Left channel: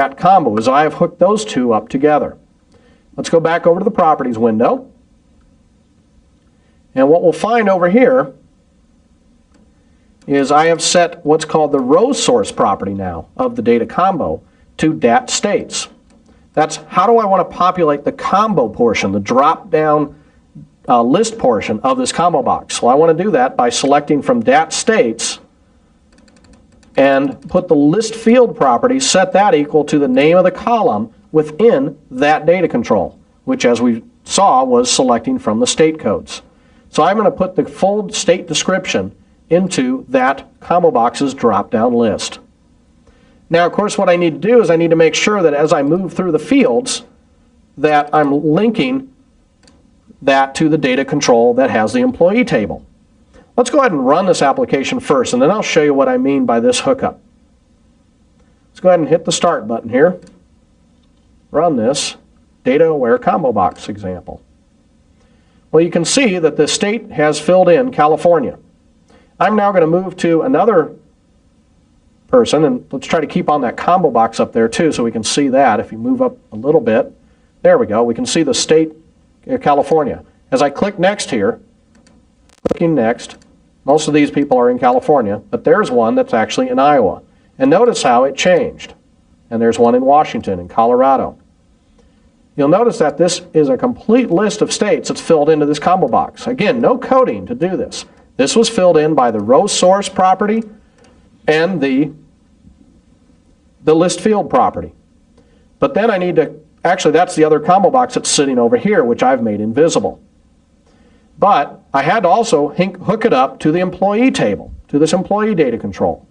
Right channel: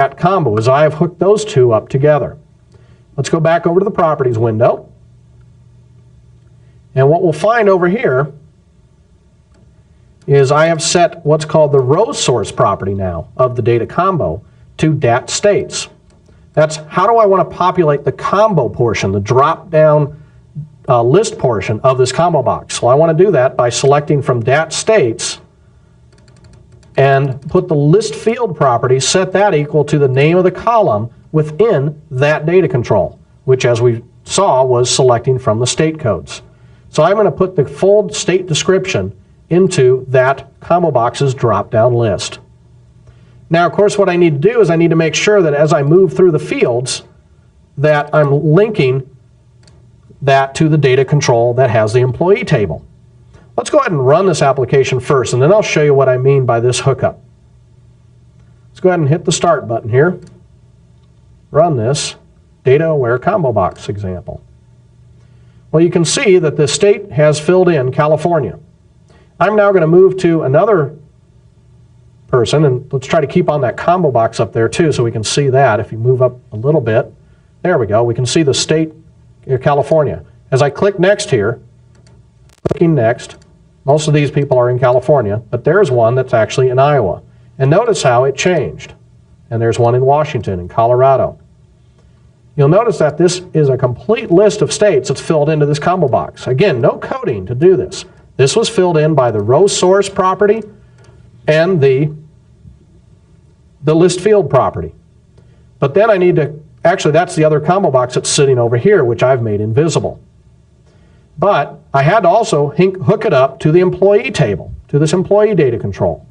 that combo is I have hooked those two up together. Let's go back over to the Properties window. And what we'll find over here is I have set what's called the row source property now of the data combo to dat states. That's how do I want to populate the combo portion, the drop-down list portion of this combo box. Well, I want to do that by selecting from dat states and put the list field property, set that equal to the name of the column within that data control, which as we saw was selecting from the state codes. So I'm going to put the full state description into that combo box's drop-down list. Now, of course, what I need to do is I need to make sure that as I move through the fields that I'm linking that to the data control that has the employee table. Let's go ahead and run this application first, and then I'll show you what I mean by this hookup. Let's go ahead and hit the Start button here. Run this data-aware combo box example. Well, you can see that the state has filled in California. I'm now going to move to another person, and let's try to keep on that combo box up there too so we can see that. If you move up a little bit, there we go, we can see the state California. As I click next here, clicking next, most of these people are in California, but there's one that's actually in Iowa. And notice how it changed. And there's one in Washington and Colorado. You'll notice that this is a complete list of states that's filled into this combo box. Again, no coding to do this. This was filled in by the row source property and the list field property. But then I need to, actually that's the other combo box that's sitting over here, which I've made invisible. But I had to also hook it up to the employee table, to this employee data control.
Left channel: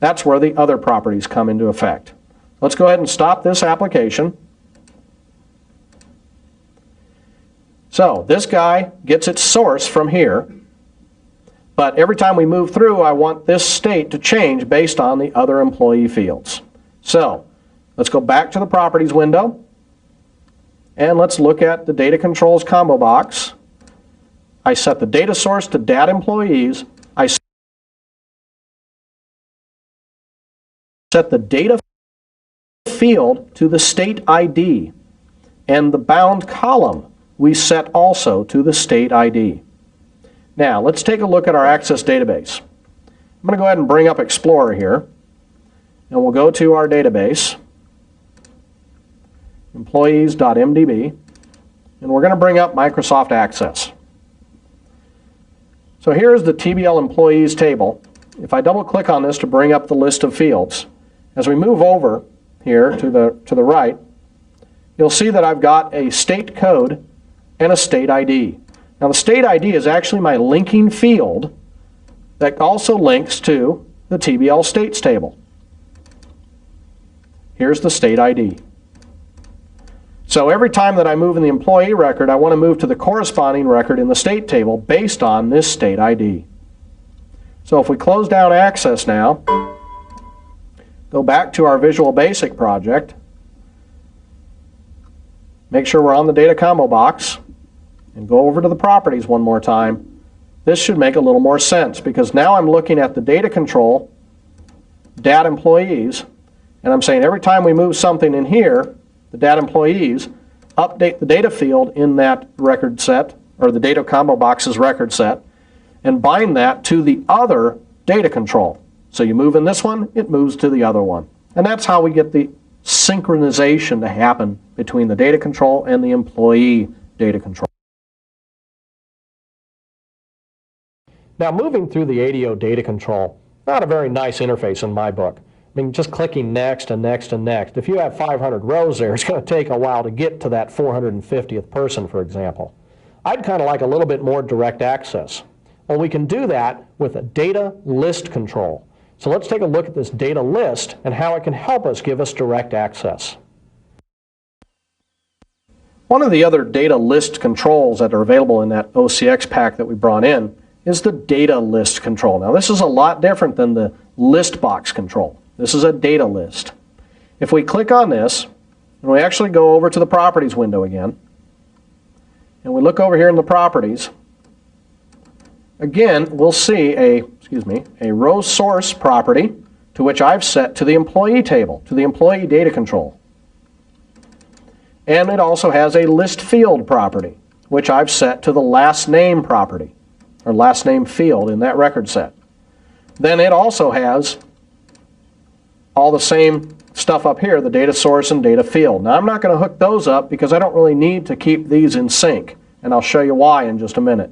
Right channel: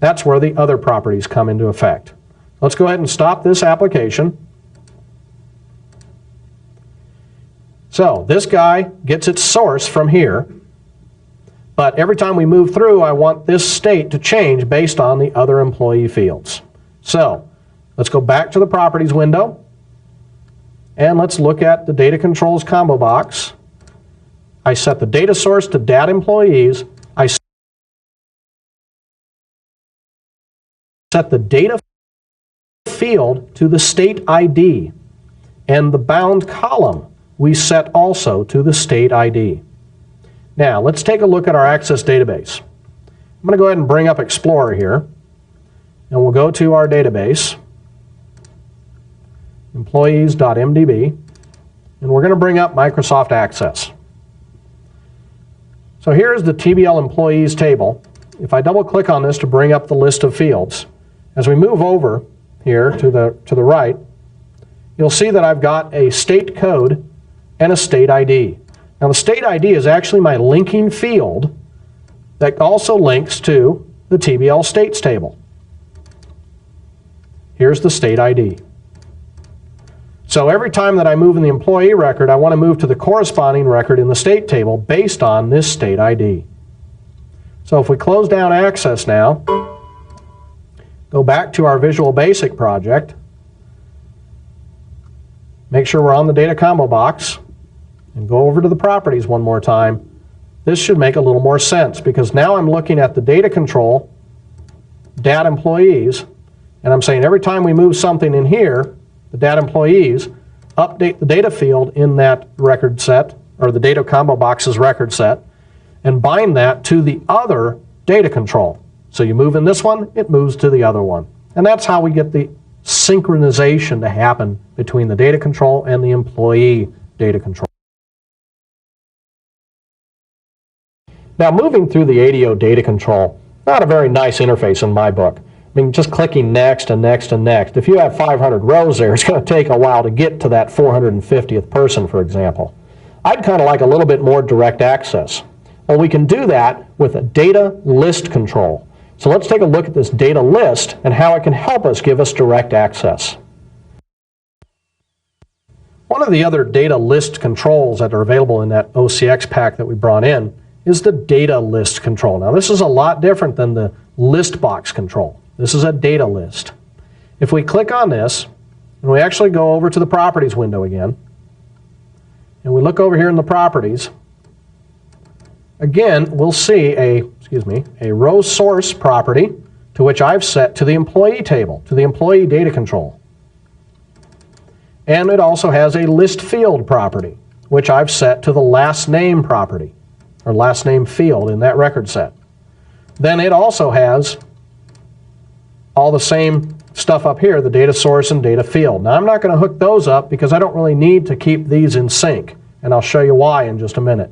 That's where the other properties come into effect. Let's go ahead and stop this application. So this guy gets its source from here. But every time we move through, I want this state to change based on the other employee fields. So let's go back to the Properties window. And let's look at the Data Controls combo box. I set the data source to dat employees. I set the data field to the state ID. And the bound column we set also to the state ID. Now, let's take a look at our Access database. I'm going to go ahead and bring up Explorer here. And we'll go to our database, employees.mdb. And we're going to bring up Microsoft Access. So here's the TBL employees table. If I double click on this to bring up the list of fields, as we move over here to the right, you'll see that I've got a state code and a state ID. Now the state ID is actually my linking field that also links to the TBL states table. Here's the state ID. So every time that I move in the employee record, I want to move to the corresponding record in the state table based on this state ID. So if we close down Access now, go back to our Visual Basic project, make sure we're on the data combo box, and go over to the properties one more time, this should make a little more sense because now I'm looking at the data control, dat employees, and I'm saying every time we move something in here, the dat employees, update the data field in that record set, or the data combo box's record set, and bind that to the other data control. So you move in this one, it moves to the other one. And that's how we get the synchronization to happen between the data control and the employee data control. Now moving through the ADO data control, not a very nice interface in my book. I mean, just clicking next and next and next. If you have 500 rows there, it's going to take a while to get to that 450th person, for example. I'd kind of like a little bit more direct access. Well, we can do that with a data list control. So let's take a look at this data list and how it can help us give us direct access. One of the other data list controls that are available in that OCX pack that we brought in is the data list control. Now this is a lot different than the list box control. This is a data list. If we click on this, and we actually go over to the Properties window again, and we look over here in the Properties, again we'll see a row source property to which I've set to the employee table, to the employee data control. And it also has a list field property, which I've set to the last name property, or last name field in that record set. Then it also has all the same stuff up here, the data source and data field. Now I'm not going to hook those up because I don't really need to keep these in sync, and I'll show you why in just a minute.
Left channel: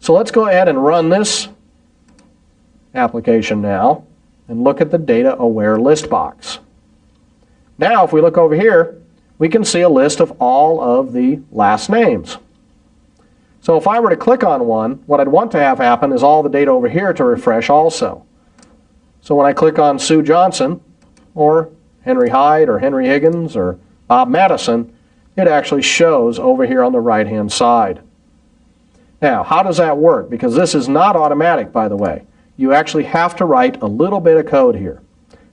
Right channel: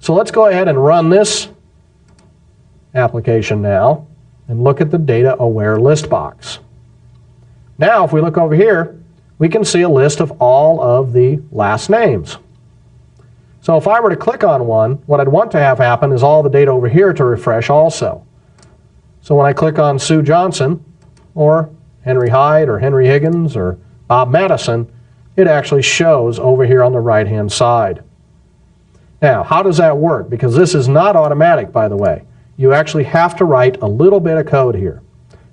So let's go ahead and run this application now and look at the data aware list box. Now if we look over here, we can see a list of all of the last names. So if I were to click on one, what I'd want to have happen is all the data over here to refresh also. So when I click on Sue Johnson, or Henry Hyde, or Henry Higgins, or Bob Madison, it actually shows over here on the right-hand side. Now, how does that work? Because this is not automatic, by the way. You actually have to write a little bit of code here.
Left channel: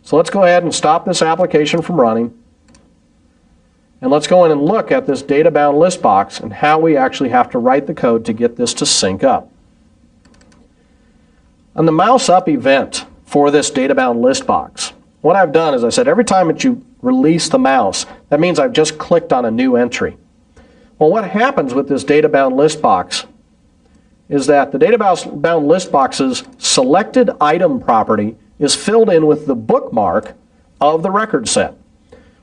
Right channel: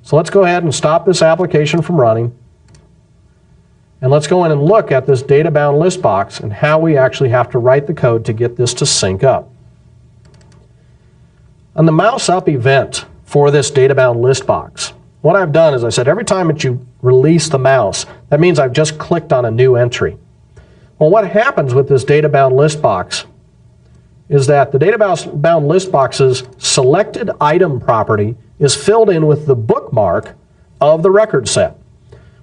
So let's go ahead and stop this application from running. And let's go in and look at this data-bound list box and how we actually have to write the code to get this to sync up. On the mouse up event for this data-bound list box, what I've done is I said every time that you release the mouse, that means I've just clicked on a new entry. Well, what happens with this data-bound list box is that the data-bound list box's selected item property is filled in with the bookmark of the record set.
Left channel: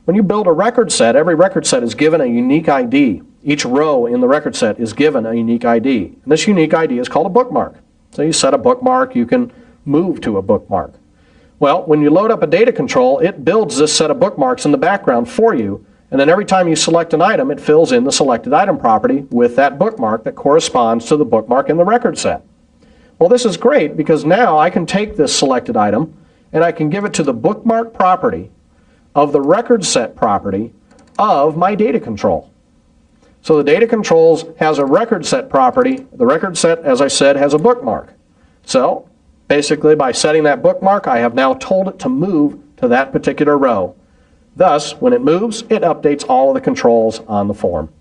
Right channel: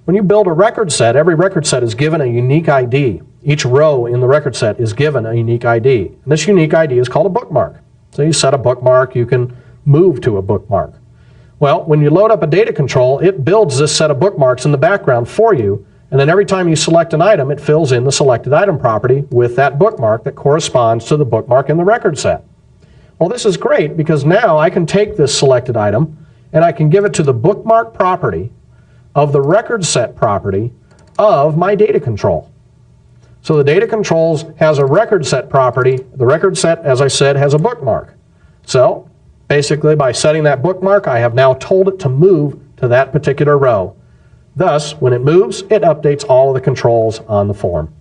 When you build a record set, every record set is given a unique ID. Each row in the record set is given a unique ID. And this unique ID is called a bookmark. So you set a bookmark, you can move to a bookmark. Well, when you load up a data control, it builds this set of bookmarks in the background for you, and then every time you select an item, it fills in the selected item property with that bookmark that corresponds to the bookmark in the record set. Well, this is great because now I can take this selected item and I can give it to the bookmark property of the record set property of my data control. So the data controls has a record set property. The record set, as I said, has a bookmark. So basically by setting that bookmark, I have now told it to move to that particular row. Thus, when it moves, it updates all of the controls on the form.